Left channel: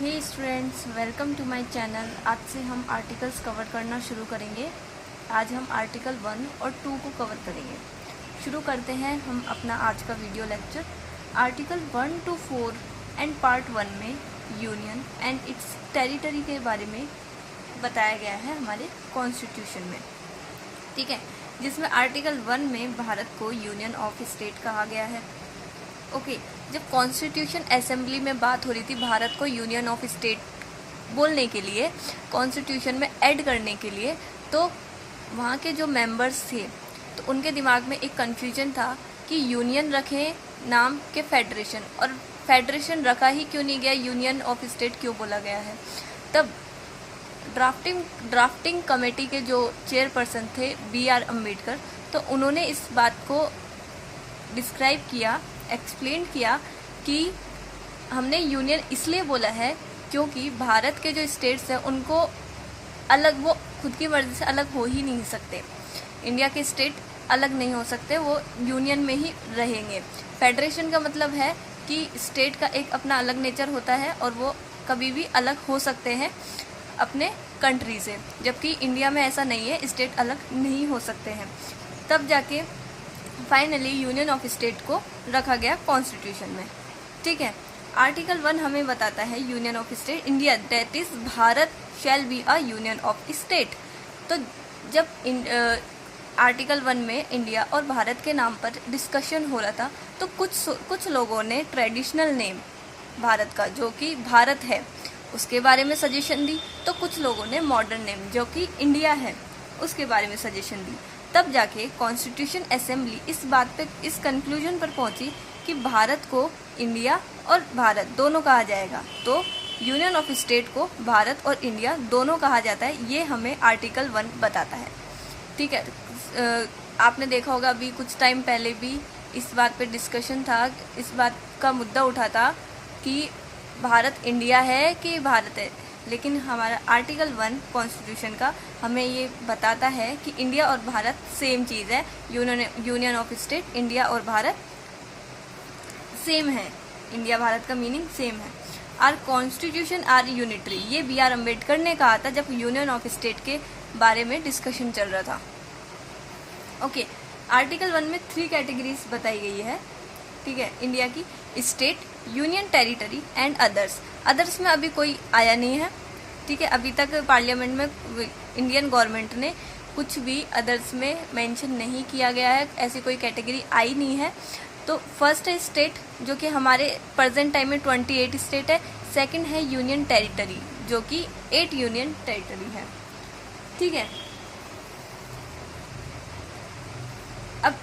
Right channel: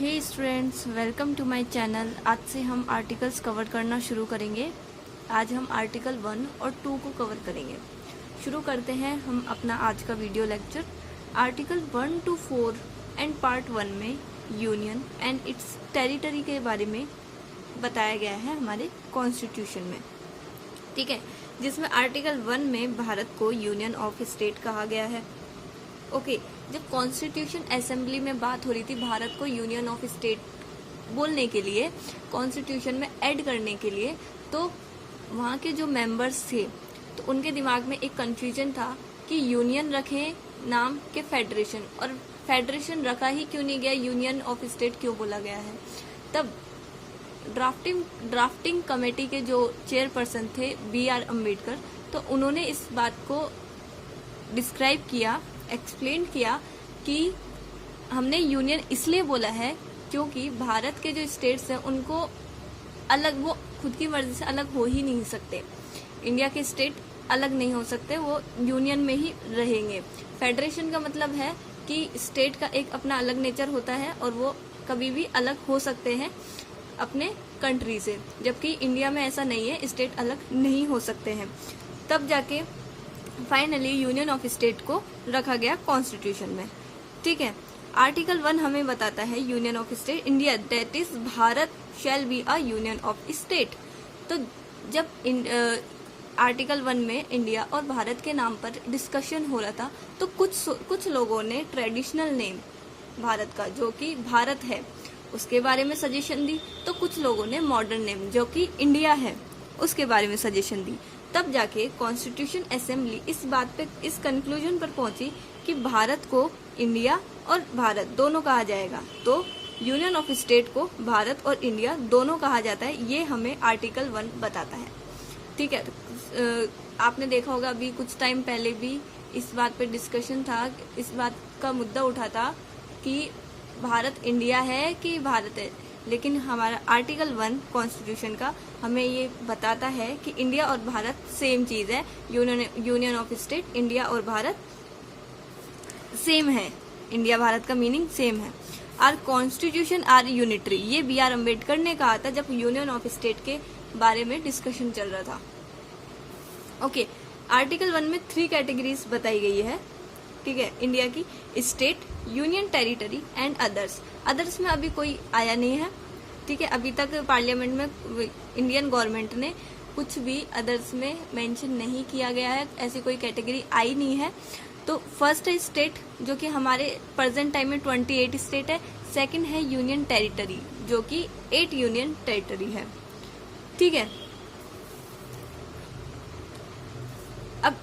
Hey students, welcome to my channel. आज से हम आर्टिकल्स कवर करना शुरू करेंगे। आज हम आर्टिकल 1 और 2 को कवर करेंगे। शुरू करते हैं हम अपना आज का video lecture. Article 1 to 4 and part 1 में यूनियन एंड इट्स टेरिटरी के बारे में बताया गया है हमारे कॉन्स्टिट्यूशन में, ठीक है, जिसमें आर्टिकल 1 में भारत को यूनियन ऑफ स्टेट कहा गया है। ओके, जब कॉन्स्टिट्यूशन असेंबली में बात हो रही थी भारत को यूनियन ऑफ स्टेट बोलने के लिए, कॉन्स्टिट्यूशन में ऐड करने के लिए, तो वहाँ के जो मेंबर्स थे तो उनके दिमाग में एक कन्फ्यूजन था कि यूनियन रखें नाम के फेडरेशन, और फेडरेशन रखा ही क्यों नहीं गया, यूनियन ऑफ स्टेट क्यों बोला गया है। तब ड्राफ्टिंग कमेटी के जो चेयरपर्सन थे BR अम्बेडकर, तो उन्होंने इस बात को डिस्क्राइब किया, एक्सप्लेन किया कि हमने यूनियन इसलिए बोला है क्योंकि भारत के जो स्टेट्स हैं उनको अलग, वो खुद की मर्जी से अलग हो ही नहीं सकते। इंडिया के स्टेट अलग नहीं हो सकते, वो यूनियन में ही रहेंगे। फेडरेशन का मतलब है कि स्टेट का एक अपना अलग नेचर होता है और वो कभी भी अलग हो सकते हैं अपने कंट्री से, जबकि इंडिया में ऐसा नहीं है, स्टेट अलग नहीं हो सकते हैं। तब जाके फाइनली यूनियन ऑफ स्टेट को रखा गया कॉन्स्टिट्यूशन में, ठीक है। आर्टिकल 1 हमें बताता है union of state India, that is Bharat shall be a union of state. तो जब आर्टिकल 1 में इंडिया और भारत के नाम पर डिस्कशन हो रहा था, तो कुछ लोगों ने ट्रेडिशनल नेम भारत का, जो कि भारत है, उसके बारे में सजेशन दी, तो कुछ लोगों ने मॉडर्न नेम, जो कि इंडिया है, उसके बारे में सजेशन दी। तब जाके कॉन्स्टिट्यूशन असेंबली इस बात पे, इस कंक्लूजन पर पहुंची कि भारत को इंडिया और भारत दोनों कहा जाएगा। तो यूनियन ऑफ स्टेट को भारत और इंडिया दोनों कहा जाता है, ये हमें आर्टिकल 1 बताता है, ठीक है। आपने देखा होगा अभी कुछ टाइम पहले भी इस बात पे डिस्कशन था, इस बात का मुद्दा उठा था कि भारत इंडिया है कि भारत है, लेकिन हमारा आर्टिकल 1 कॉन्स्टिट्यूशन का हमें ये बताता है कि इंडिया और भारत सेम चीज़ है। यूनियन ऑफ स्टेट, इंडिया और भारत सेम है, इंडिया भारत का मीनिंग सेम है। आर कॉन्स्टिट्यूशन आर यूनिटरी, ये BR अम्बेडकर ने कहा था जब यूनियन ऑफ स्टेट के बारे में डिस्कशन चल रहा था। ओके, आर्टिकल 1 में 3 कैटेगरीज बताई गई है, ठीक है, इंडिया की: state, union territory and others. Others में अभी कोई आया नहीं है, ठीक है। अभी तक पार्लियामेंट में इंडियन गवर्नमेंट ने कुछ भी अदर्स में मेंशन नहीं किया गया है, ऐसी कोई कैटेगरी आई नहीं है। तो फर्स्ट है स्टेट, जो कि हमारे प्रेजेंट टाइम में 28 स्टेट है। सेकंड है यूनियन टेरिटरी, जो कि 8 यूनियन टेरिटरी है, ठीक है। अब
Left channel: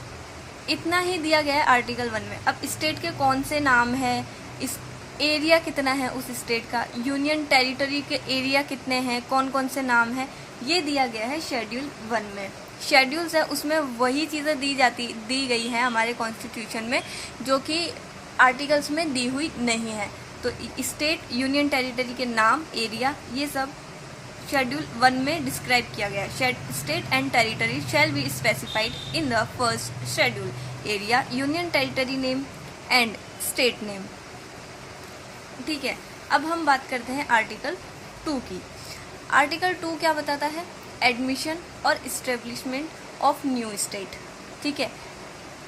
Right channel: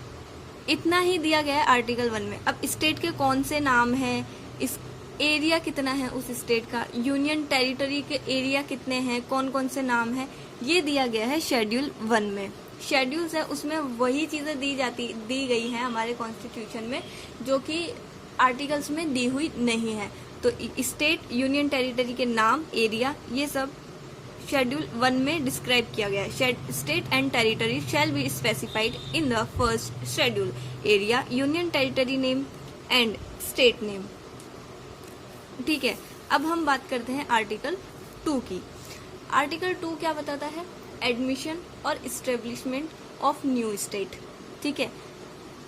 इतना ही दिया गया है आर्टिकल 1 में। अब स्टेट के कौन से नाम है, इस एरिया कितना है उस स्टेट का, यूनियन टेरिटरी के एरिया कितने हैं, कौन कौन से नाम है, ये दिया गया है शेड्यूल 1 में। शेड्यूल्स है, उसमें वही चीज़ें दी गई हैं हमारे कॉन्स्टिट्यूशन में जो कि आर्टिकल्स में दी हुई नहीं है। तो स्टेट, यूनियन टेरिटरी के नाम, एरिया, ये सब शेड्यूल 1 में डिस्क्राइब किया गया है। State and territory shall be specified in the first schedule, area, union territory name and state name, ठीक है। अब हम बात करते हैं आर्टिकल 2 की। आर्टिकल 2 क्या बताता है? एडमिशन और इस्टेब्लिशमेंट ऑफ न्यू स्टेट, ठीक है।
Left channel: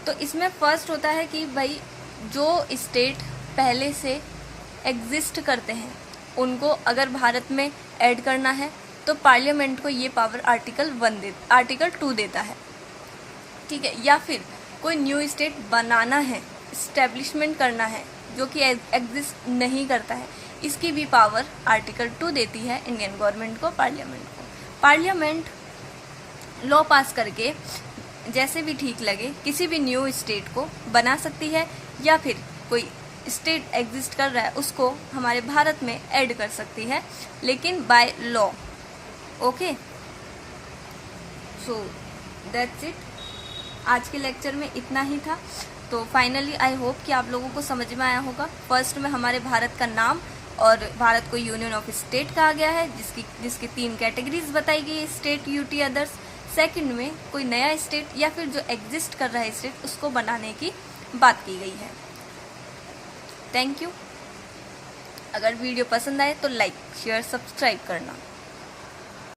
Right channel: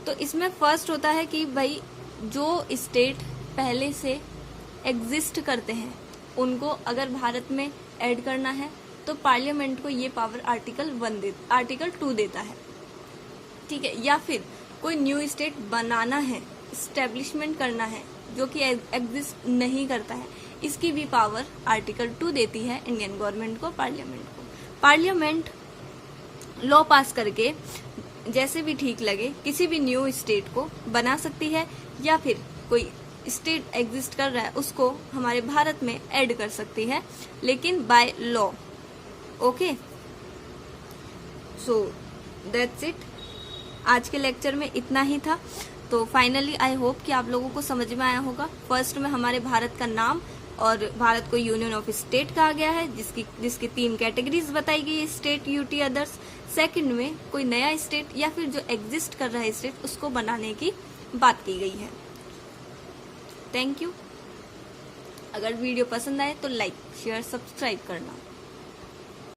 तो इसमें फर्स्ट होता है कि भाई जो स्टेट पहले से एग्जिस्ट करते हैं उनको अगर भारत में ऐड करना है तो पार्लियामेंट को ये पावर आर्टिकल 2 देता है, ठीक है। या फिर कोई न्यू स्टेट बनाना है, इस्टेब्लिशमेंट करना है जो कि एग्जिस्ट नहीं करता है, इसकी भी पावर आर्टिकल 2 देती है इंडियन गवर्नमेंट को, पार्लियामेंट को। पार्लियामेंट लॉ पास करके जैसे भी ठीक लगे किसी भी न्यू स्टेट को बना सकती है, या फिर कोई स्टेट एग्जिस्ट कर रहा है उसको हमारे भारत में ऐड कर सकती है, लेकिन by law. Okay, so that's it. आज के लेक्चर में इतना ही था। तो फाइनली आई होप कि आप लोगों को समझ में आया होगा। फर्स्ट में हमारे भारत का नाम और भारत को यूनियन ऑफ स्टेट कहा गया है, जिसकी 3 कैटेगरीज बताई गई है: स्टेट, यूटी, अदर्स। सेकंड में कोई नया स्टेट या फिर जो एग्जिस्ट कर रहा है स्टेट, उसको बनाने की बात की गई है। Thank you. अगर वीडियो पसंद आए तो लाइक शेयर सब्सक्राइब करना।